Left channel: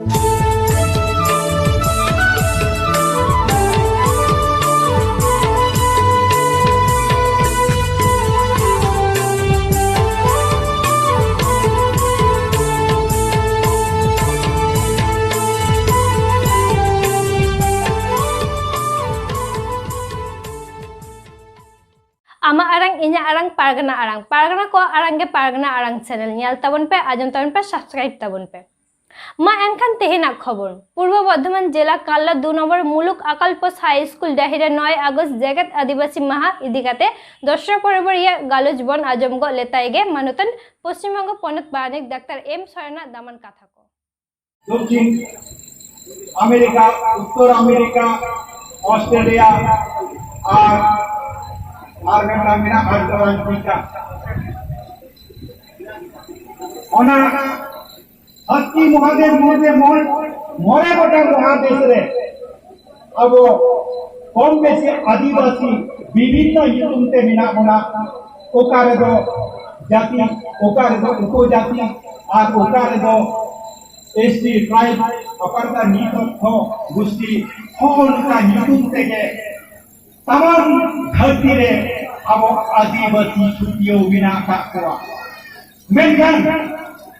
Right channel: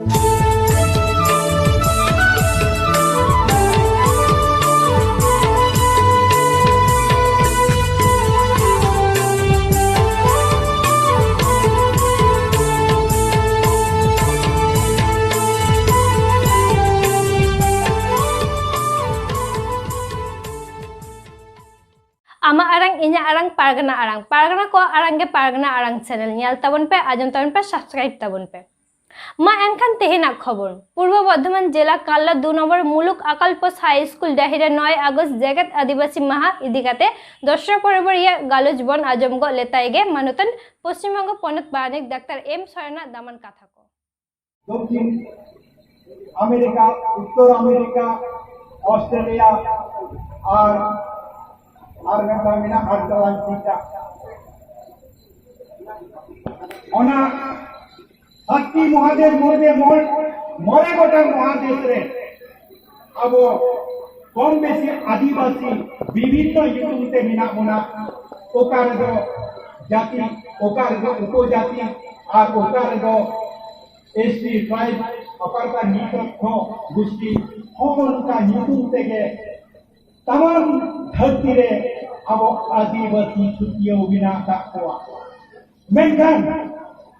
आमा आरंग इन्या आरंग पारगना को आरंग पारगना आरंग चैनल नियल तबन पे आजम तबन पे सब्सक्राइब तबन पे मा एनखान तेहेना खबर पूर्व बर्धमान जिला काल्ला 2 नम्बर मुलुक आकालपोस हाई स्कूल डाहिरे 9 आगस्ट जगत आदिवासी माहा इदिकाते दशरा परबरिया गालुज बन आजमगो लेताइगे मानुतन पश्चिमबंग पनत बानिक डाक्टर एम सरना दामान कथा को दक्षिण अमेरिका उत्तर अमेरिका ऑस्ट्रेलिया और मेरा अर्धवांशिका ओना हत्ती महादेश मोदे मोरे गोटा महादेश रे अब कम बेसी आदिवासी विभिन्न युगते मिना बोना ओकारे दो जाति ओकारे दो उपजाति और ओकारे दो एसटी ट्राइब ओकारता नीतथ्य गोष्ठी होनका युगते के तमाम धरती रे अब आदिवासी छुट्टियों बिना का हुआ मेंखान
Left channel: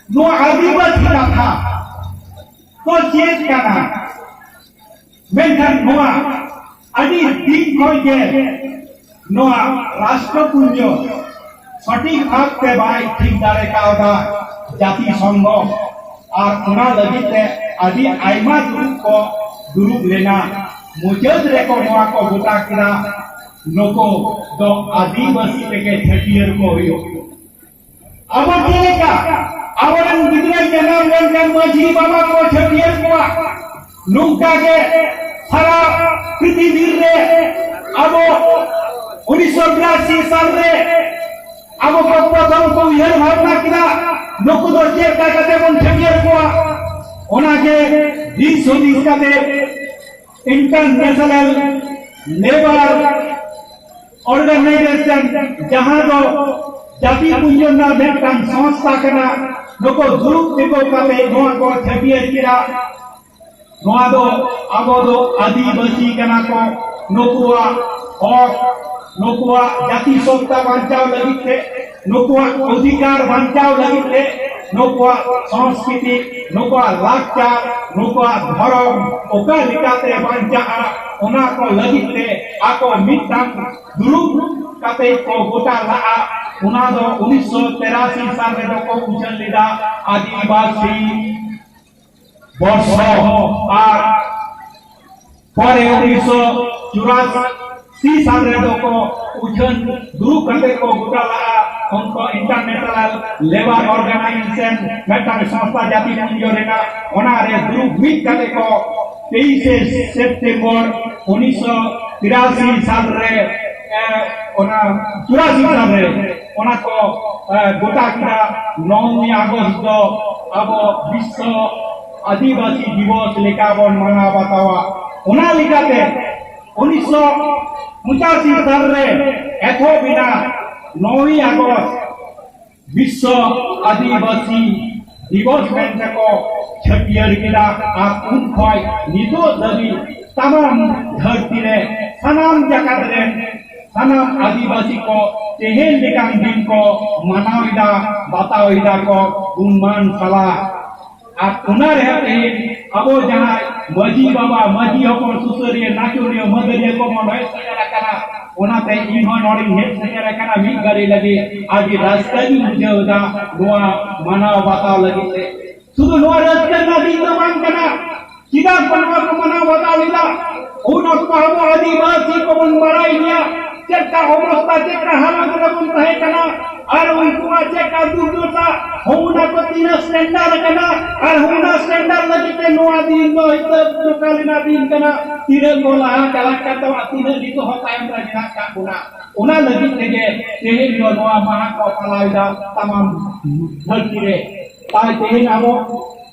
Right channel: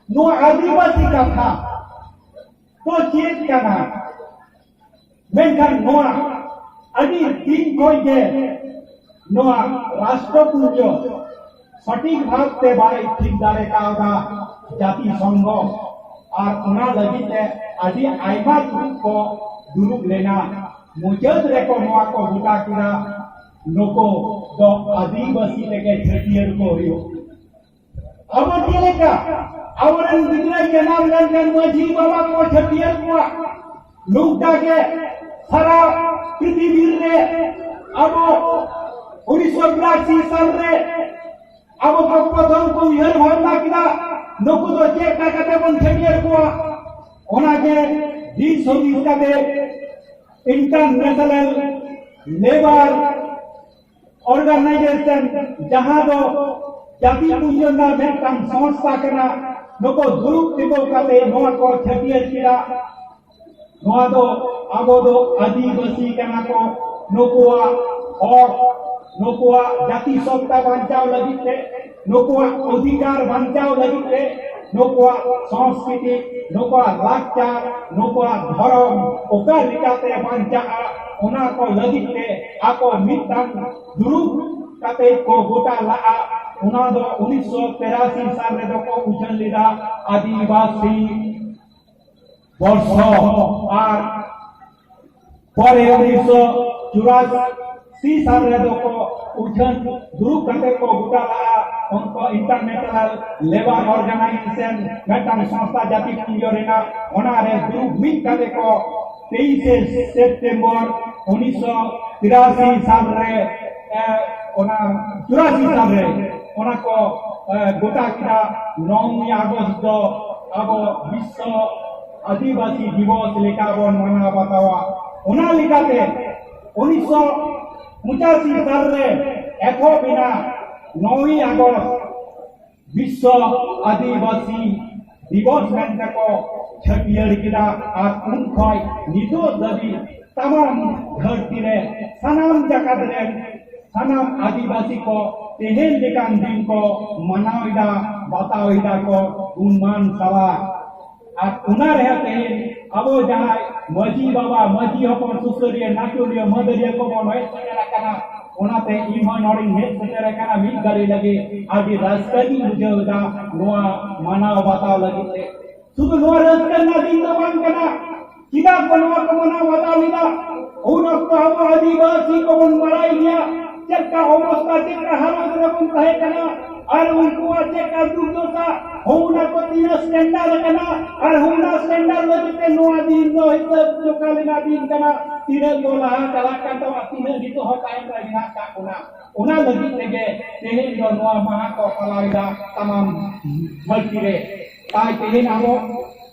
नो आदिवासी का था तो चेत करना मेंखान नोआ अभी दिन कोई के नोआ राष्ट्रपुंज सटीक भाग पे बाई ठीक दारे का होगा जाति संघ और उना लगी ते अभी आइमा को दुरुप लेना मुजद रेको नोआ को बुता किना नको दो आदिवासी लेके छटियर को हुयो अब के का आवरन गिदरे जनाम लेन माझी बाबा को छटियर को नुका के सारा पृथ्वी रे अब 1982 साल रे अब प्रथम को यह भावना किना नको दो चेक का कते बन छटियर को ओना के 20 का दे इंटरनेशनल लेबर ऑर्गेनाइजेशन जहां दो जाति पुंजना भेटकान संस्था कना नको दुरुप दिगो काते नोआ को छटियर किरा नोआ दो आबो दो आदिवासी कना को नोकुआ और नोकुआ जाति सत्ता बांचाव लगी थे नोकुआ अधिकार बांचाव लगी थे नोकुआ संस्कृति नोकुआ लाचार नोकुआ धर्म ओका लिकाते बांचा उना को लगी थे आको मिटान दुरुप काते को गोटा ला उना दो 1983 साल रे को उछल लिदा आदिवासी वर्ष आ परे 1984 साल रे को उछल दुरुप काते को गोटा ला उनको इंटरनेशनल लेबर ऑर्गेनाइजेशन मेटान संस्था जाति पुंज रेना ओना रे दुरुप मिट काते को 23 सितंबर 1983 साल रे ओना 84 साल रे ओना को गोटा किना 9 अगस्त अब विश्व आदिवासी दिवस लेका बन मना बतावा ओना लिखाते 1985 साल रे एथो बिना 9 अगस्त विश्व आदिवासी दिवस में को छटियर किला आ उन खोय निदो दबी तमाम धरती रे सनाम जगत रे सनाम आदिवासी को तेहेन लेकान दिन को मनाविदा बताविदा को गुणमान सला आ उना रे तेहेन अबो जहां मजी बाबा मजी हपन सुसरिया नाचोरिया मदरिया को मनय सजरा कना ओनाते इमा नोडी हेड सजरा कना मी गाड़ी लगे आगे रास्ता भी मुझे होता गोवा मनाव बताव लगी थे सुदु नुआ रास्ता ना दिन दबान कना सीधा बनवा को मनाव बताव लिदा ओना को अब आदिवासी को बन बड़ाई लिया चेका अवस्था चेका हालत रे बन रहे कना और उनको चेका दुर्दशा होना को 3 स्टैंडर्ड कना और होना स्टैंडर्ड लगी ते नोआ दिन नो इत कालिना दिन कना 3 गोला कला करता 3 दिन तो होता है हमरा का गुना ओना लगी तेगे तेहे नोआ महा को फलाइदा तमाम धरती रे ताई तेहे नामो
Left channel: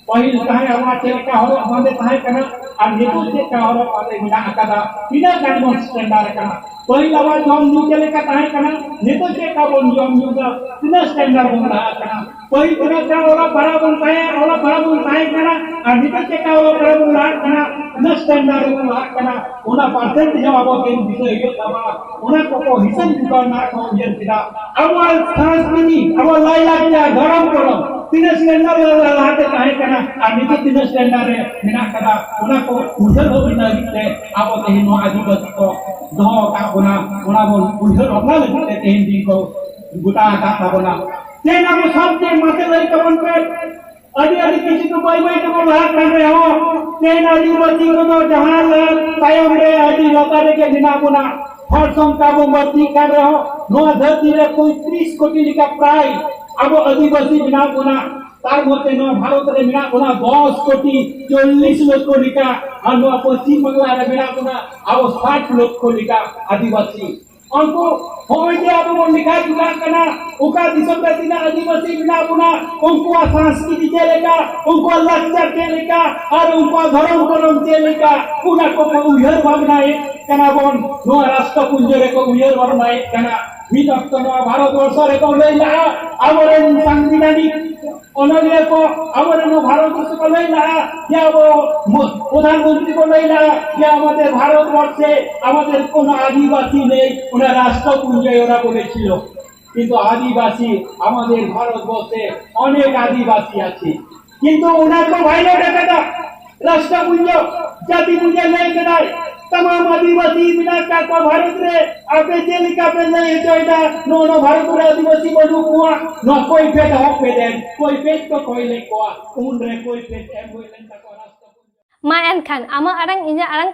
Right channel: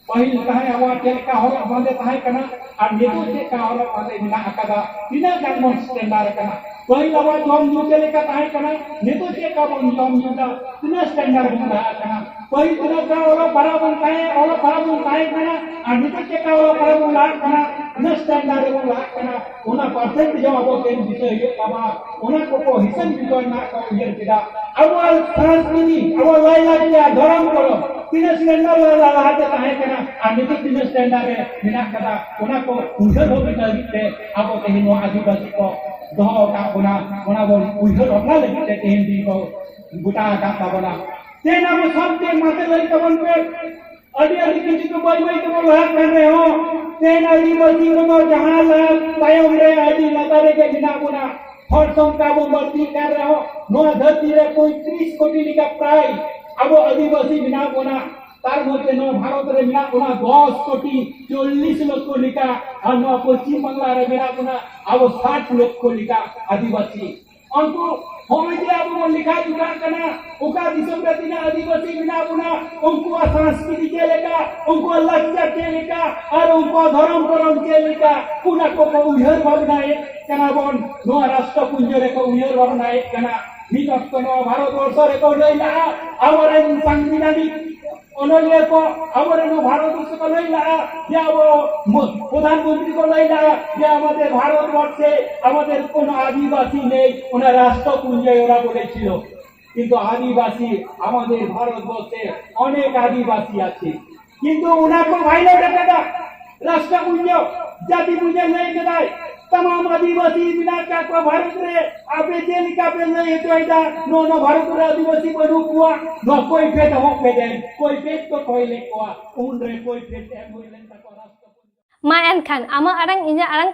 पहिल कहे आवा चेका हो बंदे ताहे कना और नेतु चेका हो बंदे बिना अकादा बिना कानून स्टैंडर्ड कना पहिल आवा जम न्यू चले का ताहे कना नेतु चेका बन जम न्यू दा 3 स्टैंडर्ड बन रहा कना कोई तरह का ओला पड़ा बनता है कना और निकल के का ओला पड़ा बन लाग कना न स्टैंडर्ड बन लाग कना ओना परसेंट जो अब के विषय यो तबा ओना को हिसाब दुकान ना को यर किदा अब संस्कृति अब लाई लाग जा धर्म करो तीन स्टैंडर्ड लाते काहे कना और निकल तीन स्टैंडर्ड रे बिना कदा ओना को उजल हो बिना लिखते अब ते नो आदिवासी को दो का ओना को उजल अपना लिखते ते हिंदी को गुटा का तबना तेना को सबके माथे लई कवन पे अडी किसी को बाई तो लाग कर रहे हो तेना आदिवासी को जहां लाग कायम रे अडी लोकारे के बिना गुना हर संख्या को मती कर रहे हो नो धरती रे कोई 30 कोटी का प्राय अब आदिवासी बिना गुना तार मते नो भारत रे बिना गुना 10 कोटी 40 लाख को लिखा और नो पश्चिम बंगाल रे बिना गुना अब 60 लाख को लिखा आदिवासी उनको होय जे अब वो लिखा जुगा करना उका दिसम प्रतिना आदिवासी बिना गुना उनको संस्कृति के लेका उनको लक्ष्य के लेका और उनको धर्म के लेका पुना को उयहर भावना एक कना बोन नो राष्ट्र पुंजरे को उयहर भावना एक कना विभक्त नो भारत वर्ष रे को लेला आवरे संविधानिक अनुलिया को आवरे नो भारत वर्ष को लेला या वो प्रधानमंत्री को लेला या আমাদের भारत वर्षे আমাদের কোন আদিবাসী নেই ওরা রাষ্ট্রপুঞ্জ ওরা বলেছিল কিন্তু আদিবাসী আমাদের ভারতবর্ষে অনেক আদিবাসী আছে কিন্তু ওনাকে ভাইলো ডাটা রাষ্ট্রপুঞ্জ জাতিপুঞ্জ নেই কেদায় तमाम आदिवासी बिना का भारत रे आपे जेलिका पे नहीं जोइदा नो भारत रे आदिवासी बडू कुआ नो कोई पेट हो पे दे कोई पेट तो कोई ले कुआ उन रे कोई पेट एम होइलन ता को राष्ट्र मा एनखान आमा Arang इnya arang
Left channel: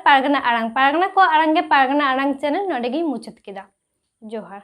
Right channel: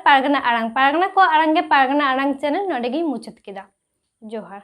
pargana ko arange pargana arang channel nodegi muchat kida जोहार।